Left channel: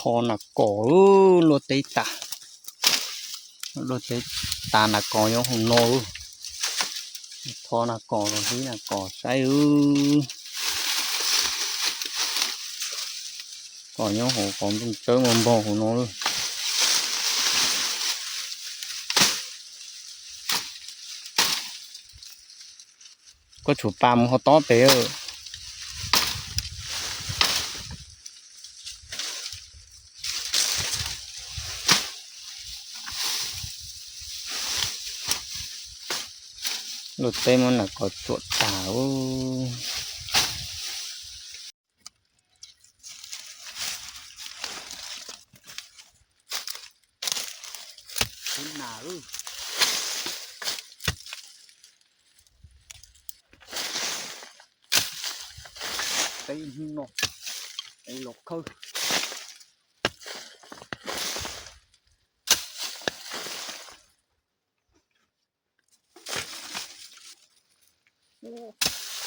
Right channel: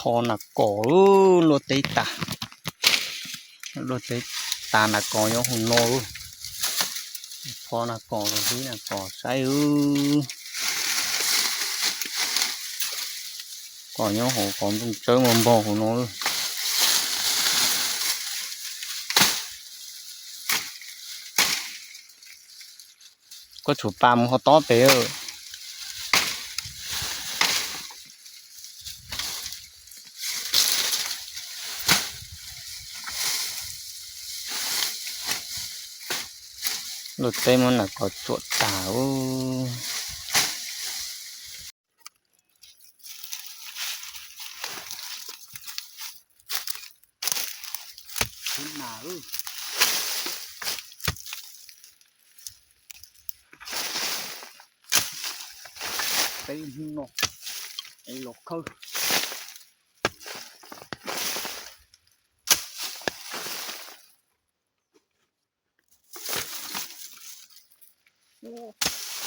ทอนักก่อโลเตตาโลเตตานักก่อยองโนทอนักก่อที่นักก่อใช้ก่อยองก่อนต้องเจอมันบ่โนก็ถูปามเขาต้อเตอรถเต็มมันน่ะก็จวดตาขึ้นหนาไปหนกไอ้หลกเขายอดโห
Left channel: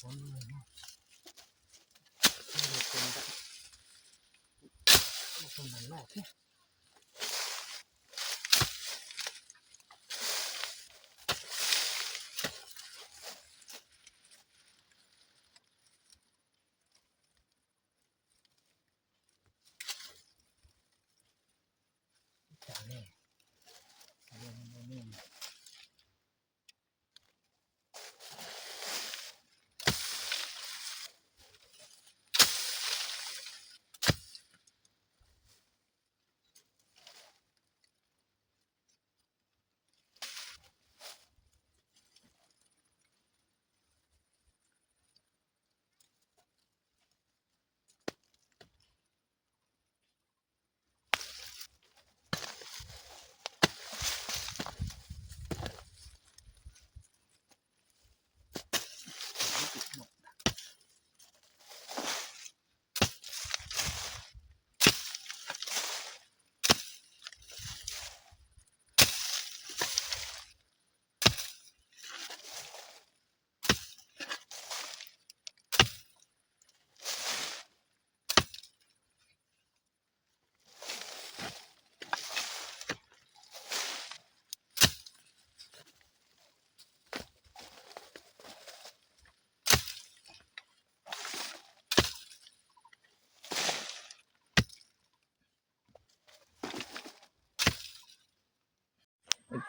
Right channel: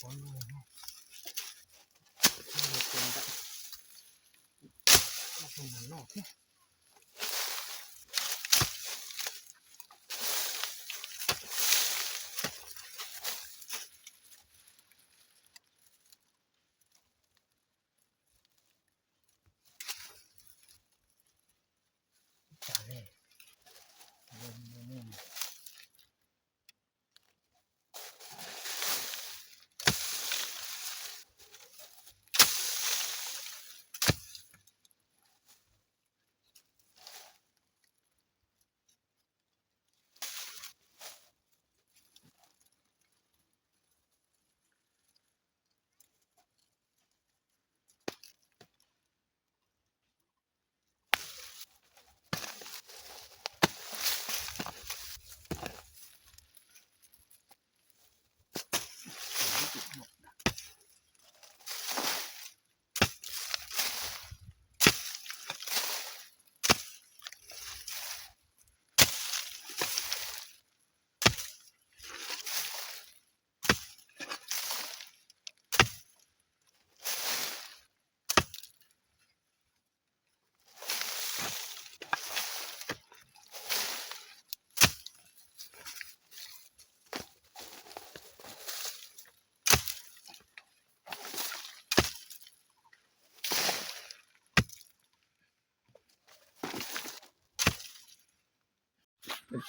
คนเลยเนาะคนได้คนมันนอกเนี่ยจ้าเลย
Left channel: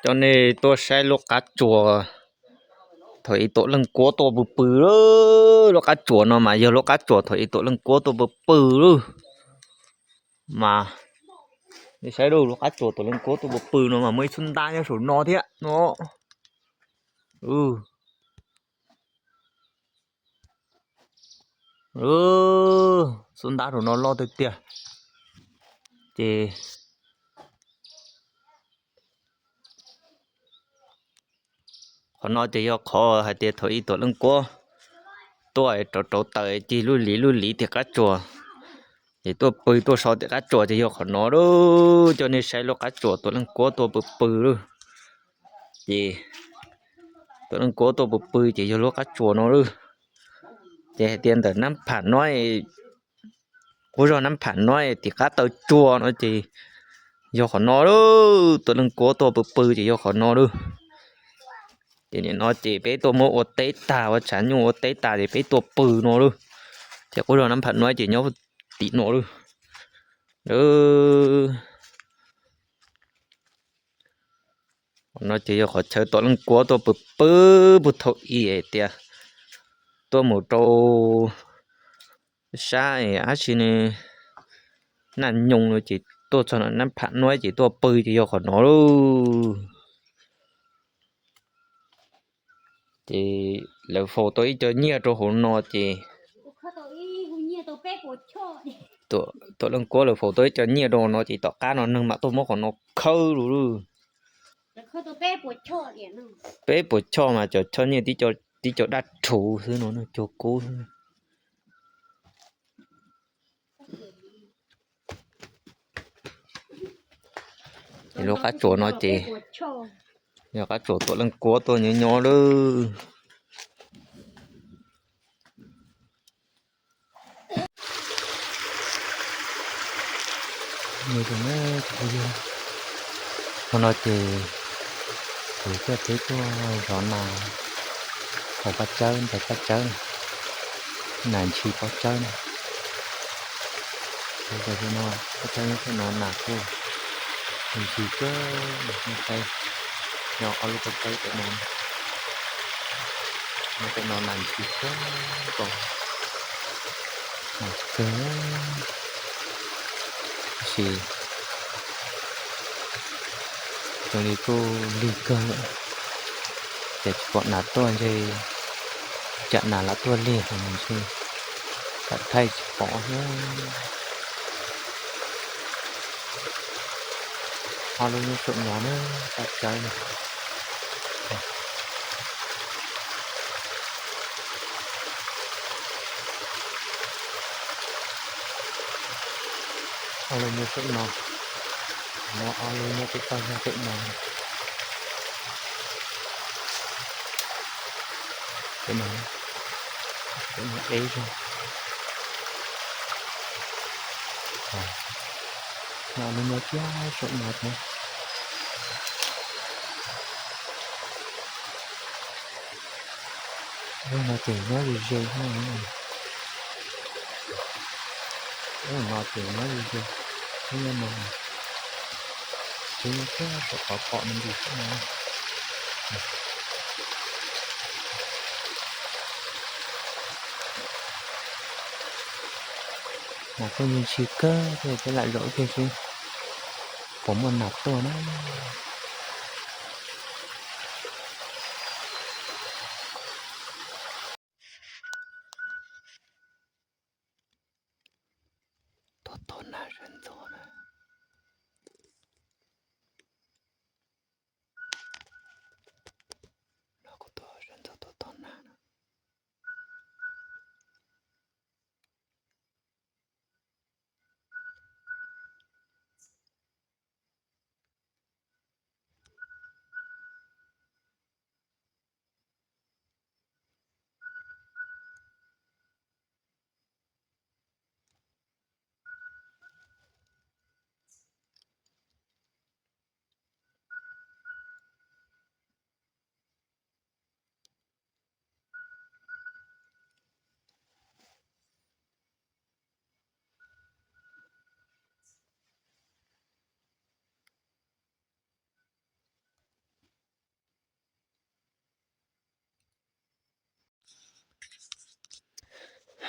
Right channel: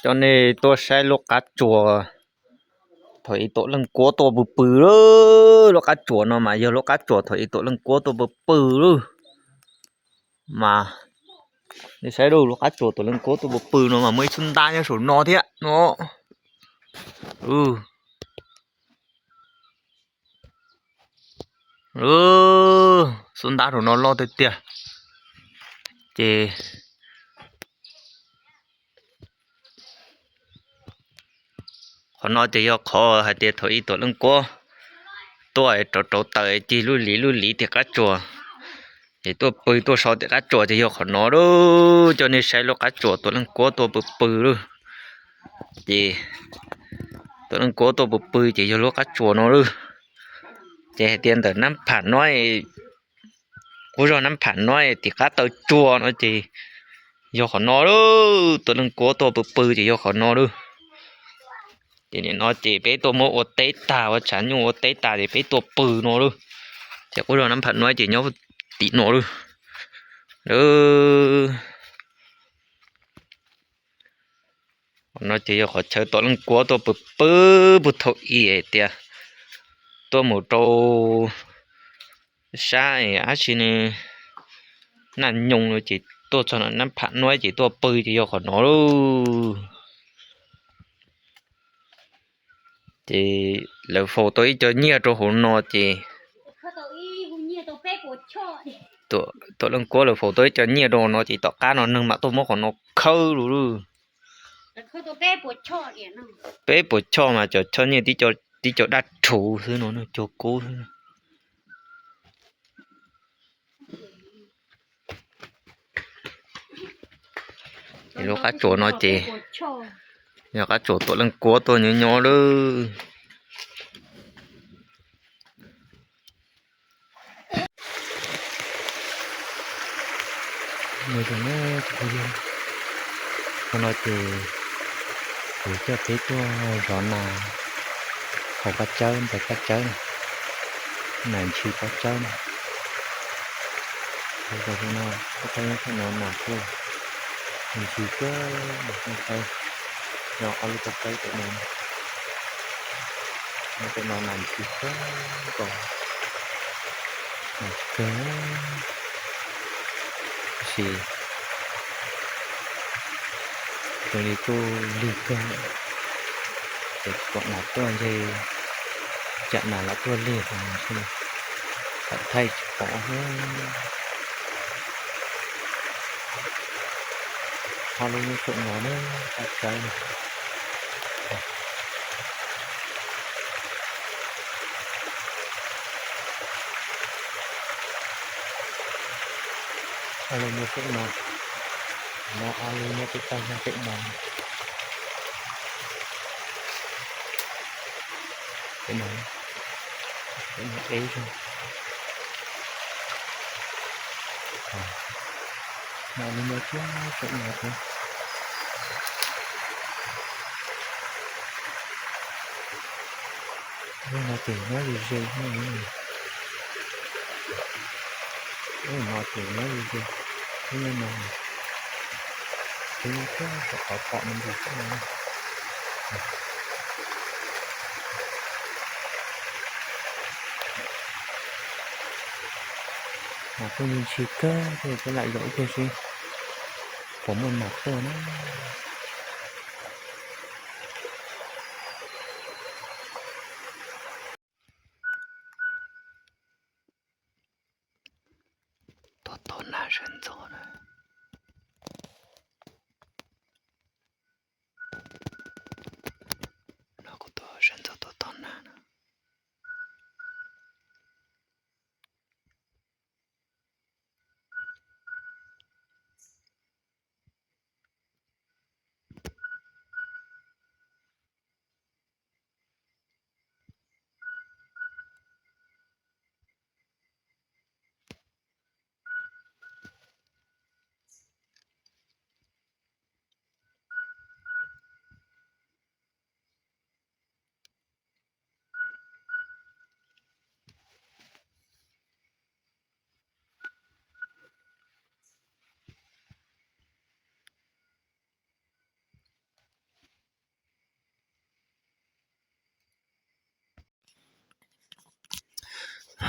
cho nên tôi sẽ lột cá chùa thôi tôi lần cố tôi bự bự đó lột cá chùa nó mà giờ lột cá chùa thôi tôi lần cố tôi bự bự đó mà để sẽ đâu lột cá chùa tôi lần cố tôi bự bự nó mà mới xuân ta nha số nó thế nó xuân ta số nó lo tới tiệt chê họ nói thì khó hay thì thôi tôi lần cố tôi trâu tới chỉ lưu lý thì cá chùa thì tôi bự tôi sợ thì cá chùa thì họ nói đó cho nên sẽ lo cá chùa tôi lần cố tôi bự đó thì tôi lần cố tôi bự chỉ cho lo cá chùa nó đó thì tiền từ năm phản nói cố rồi năm phản nói thì cá tới chùa nó chỉ do họ nói đó tôi lần cố tôi bự chỉ do họ nói đó thì nó chỉ bé tôi mua ô tế tà và chẳng dùng ô tế tà thì bé tôi bự nó đó thì cố rồi năm phản nói chỉ nhớ tí nó đó nó chỉ họ chơi tôi lần cố tôi bự thôi ý tiệt tôi một trâu xa ấy á xin nè nhung rồi chỉ ตัวฉะนั้นนั้นผักน้อยจีตัวปื้อจีขอน้อลูจีแล้วโฟตัวอีจะเนี่ยตัวหัวนอจีตัวลงกัวแล้วโฟตัวจะเนี่ยตัวนอจีต่อก้านนึงมาตัวมอของนอเข้าลูเป้ปวดช่อมาจะช่อเนี่ยที่จะดัดถูซื้อnó cho cố thì lúc cá chỗ nó chị giờ cá chỗ tôi lên cố tôi nhỏ đó người thì nó chịu đi con nói thì cho cái tôi rõ là hồ cá chơi phải cá chơi này chỉ có chơi bây giờ thì nó cá chơi nó nặng luôn mình chỉ có một tay nó ở lúc tới cái nó nặng chỉ có còn cái gì tôi đi cô đi cơ để bọn là tôi thì chặn là tôi liền thì tận thay bỏ họ luôn như trộn nó nữa tại chơi này họ luôn như trộn nó luôn như cái tay ra tịnh nó cái nó ấy thôi nào mình nhớ chưa trộn ngọt nữa đây là chỉ nhớ gì thôi đây là chỉ nhớ gì thế nên là cái có mình gì thế này mà tôi nhìn chỉ cơ thì cái lại lỗi kia gì có một nạp tôi nó多男人走了那个多人走多难了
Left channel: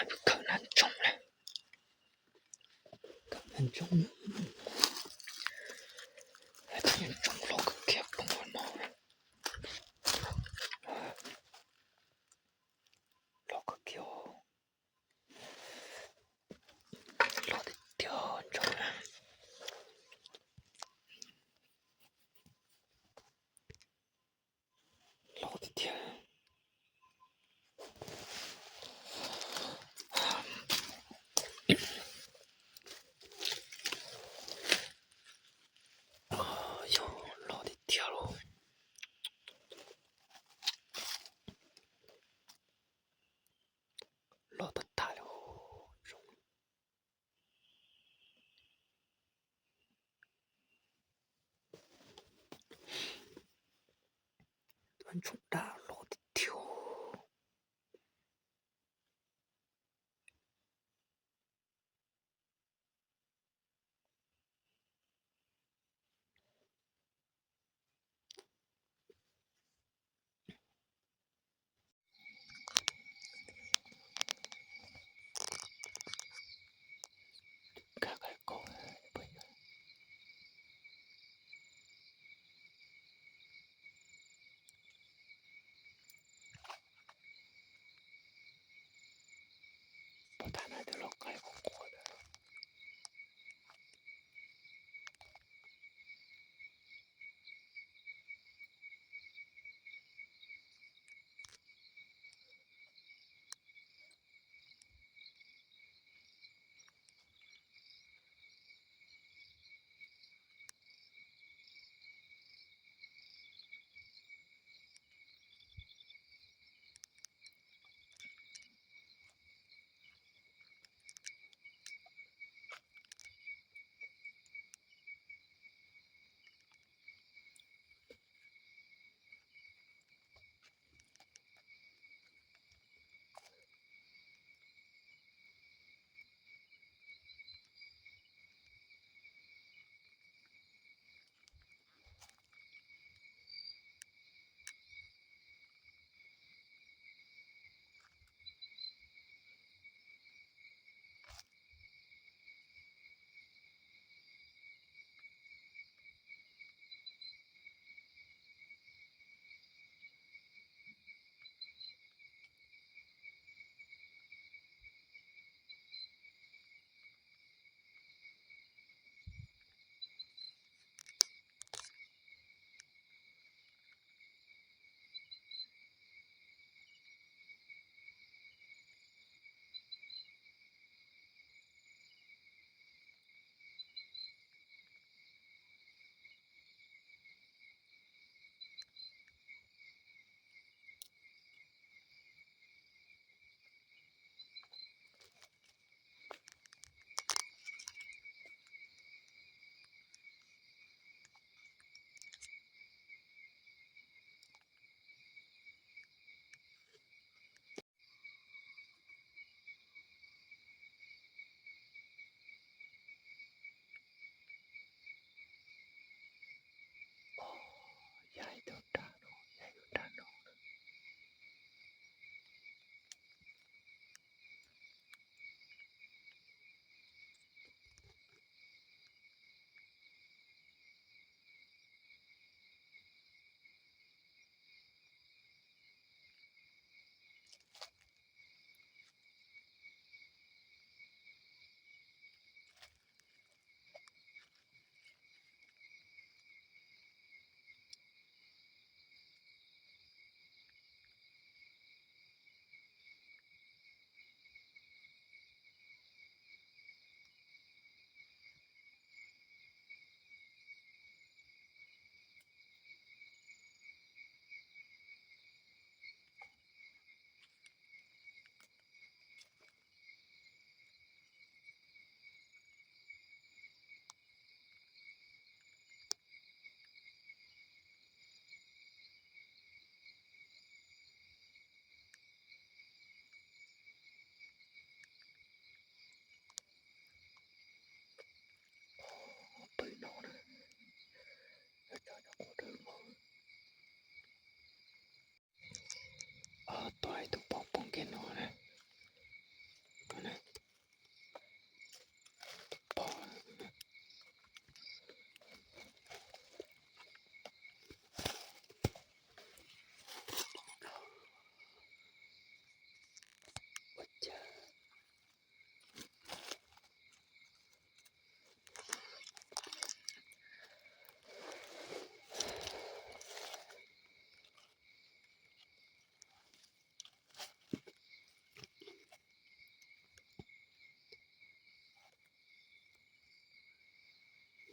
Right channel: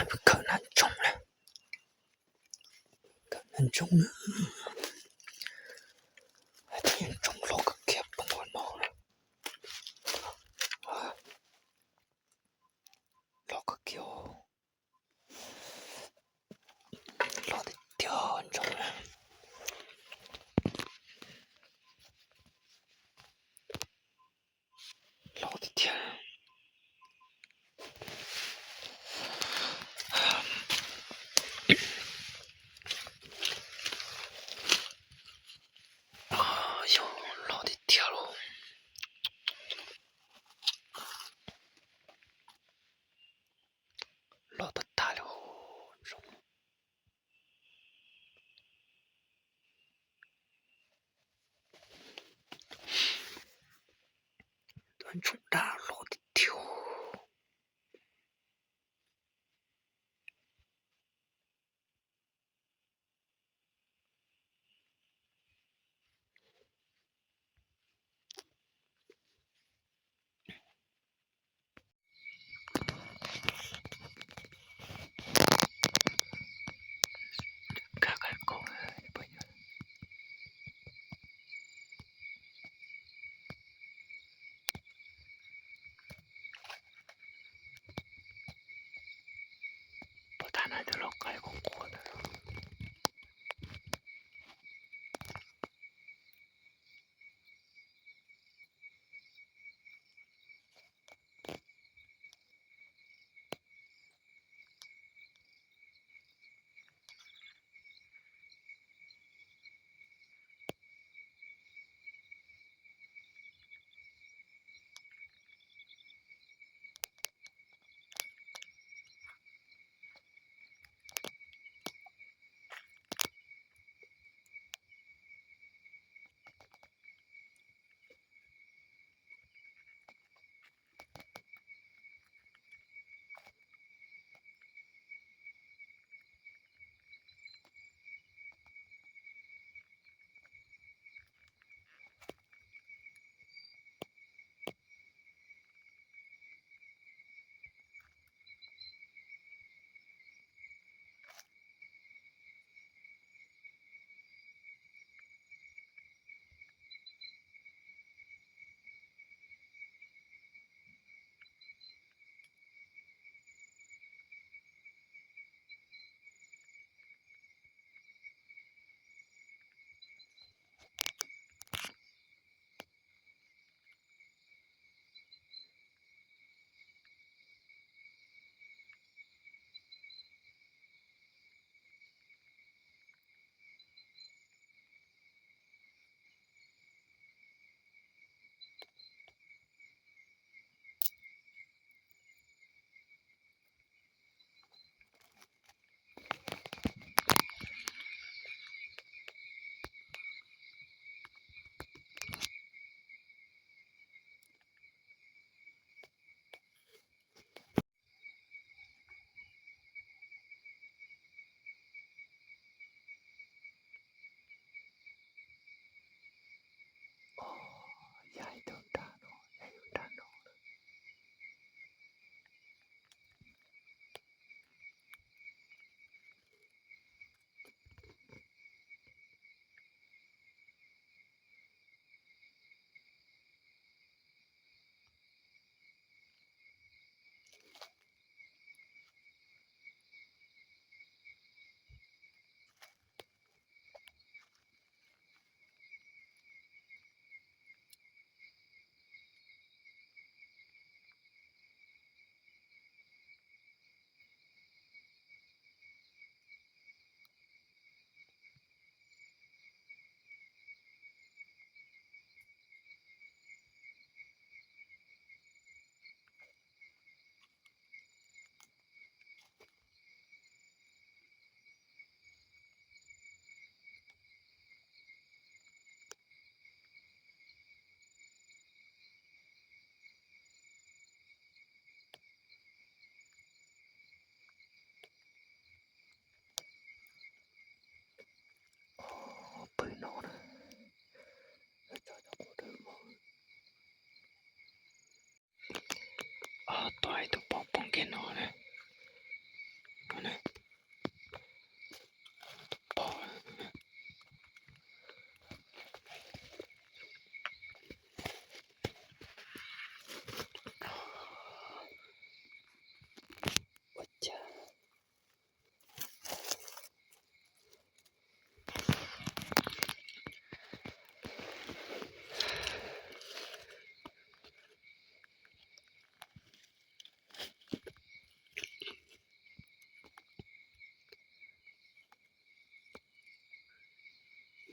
不可能中了可能中了还真中了个结崩我脑了落个球落的掉中了落的天落的大了中端中大落的跳开口不远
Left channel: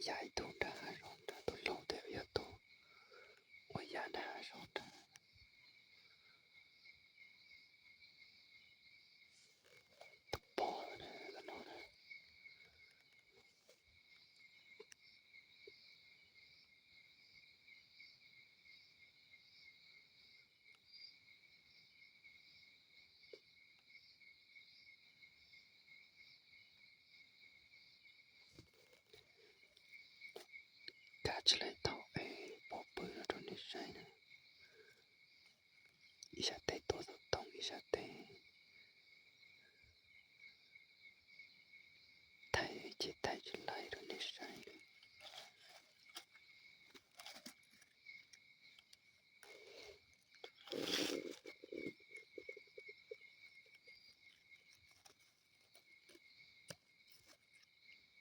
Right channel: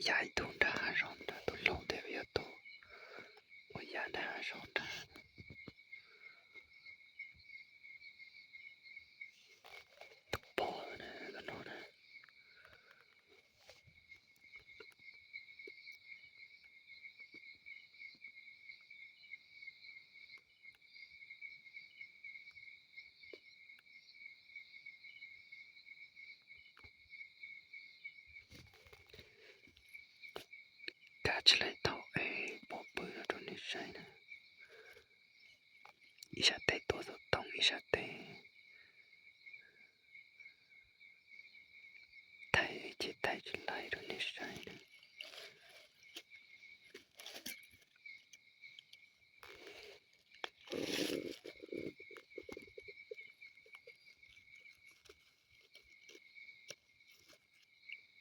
Jeg tog det här ronda, då låg det vi då. Och jag det här ronda. Då bara det då det. Catch lại tàu ấy bỏ bự ra trong nước say nè. Ý sát tay tổ tổ tông ý sát tay. Tay chỉ lại trong nước say nè.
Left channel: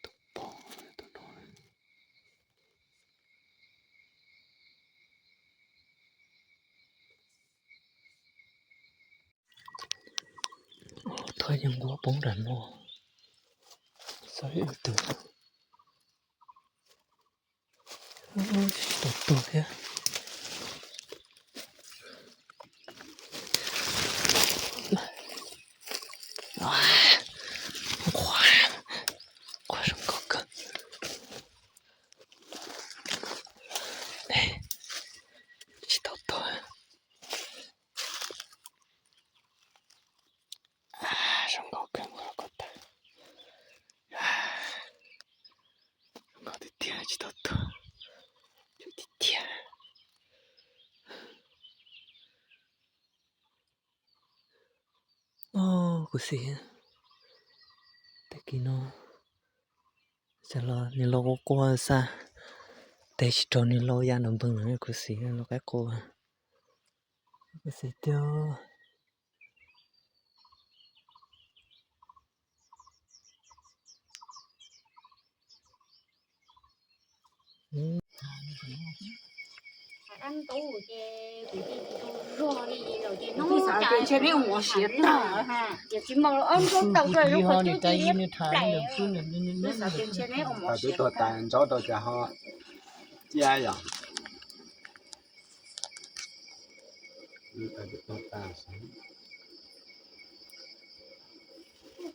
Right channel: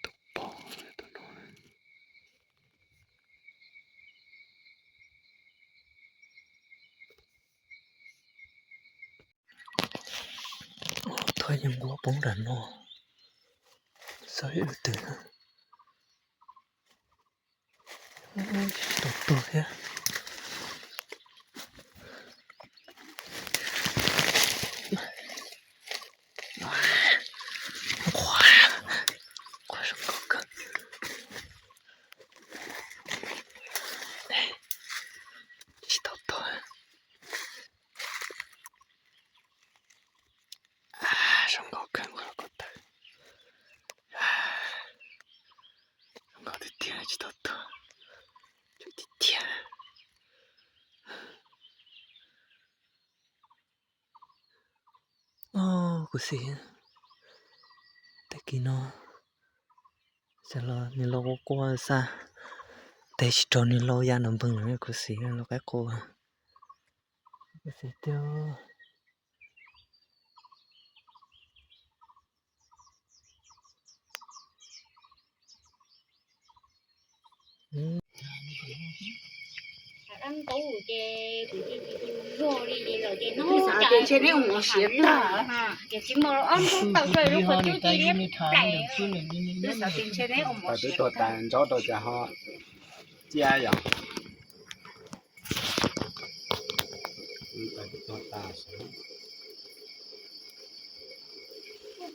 Tổ bỏ ra tổ nói. Thôi nhưng quá bóng đàn nó. Sao hiểu từ. Tốt thế. Quá xong có cơ. Tốt thôi. Xong có cơ quá có cơ. Xong có tiếng chỉ tốt thôi. Chú đi tiếng. Così. Te chi no. Se lo qua sa. Te ci torni lo ya non bung così, lo che qua. Così teo. Anh tủ chè tủ rồi đi rồi thì nó chạy trên đấy một xếp ha giờ chỉ mà anh cũng tao chơi lúc mà tôi chỉ biết chạy Cái sao trên trên đấy một Tôi tôi tàn cho tôi cho họ chia rồi. Tôi tàn xuống.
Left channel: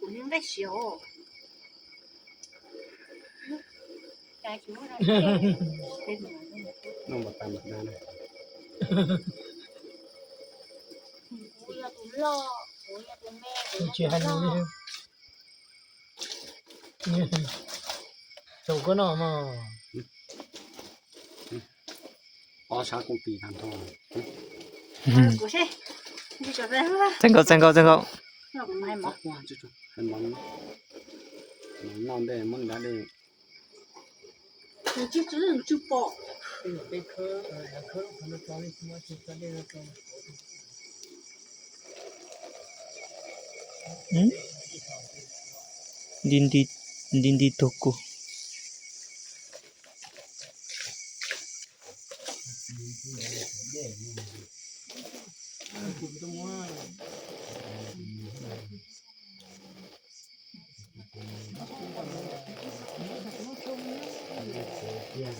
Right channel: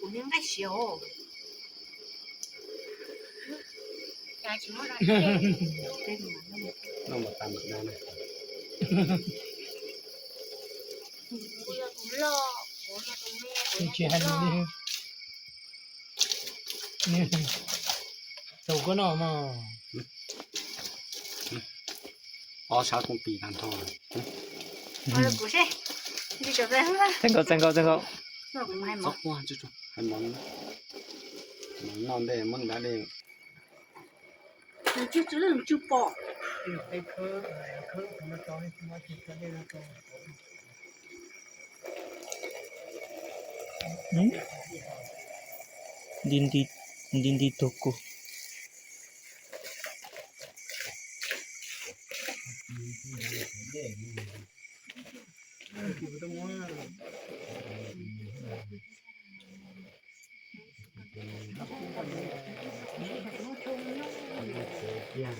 cũng những cái xíu. chạy chỉ nói rồi Nó một tàn một đàn này. bây giờ tụi lo bây giờ tụi mẹ Chị hay đi nè đâu có nào mà Sao cũng bị đàn thôi. Của xe. Đi chỗ đây không? Chân cậu. Nó cũng hay mọc. Quá chứ chú. Hay món. Non đây, món đá đây. Chú đừng chú bỏ. cái khơ nó cho đi mà chỉ có đây là cho Dindi toko. Yeah.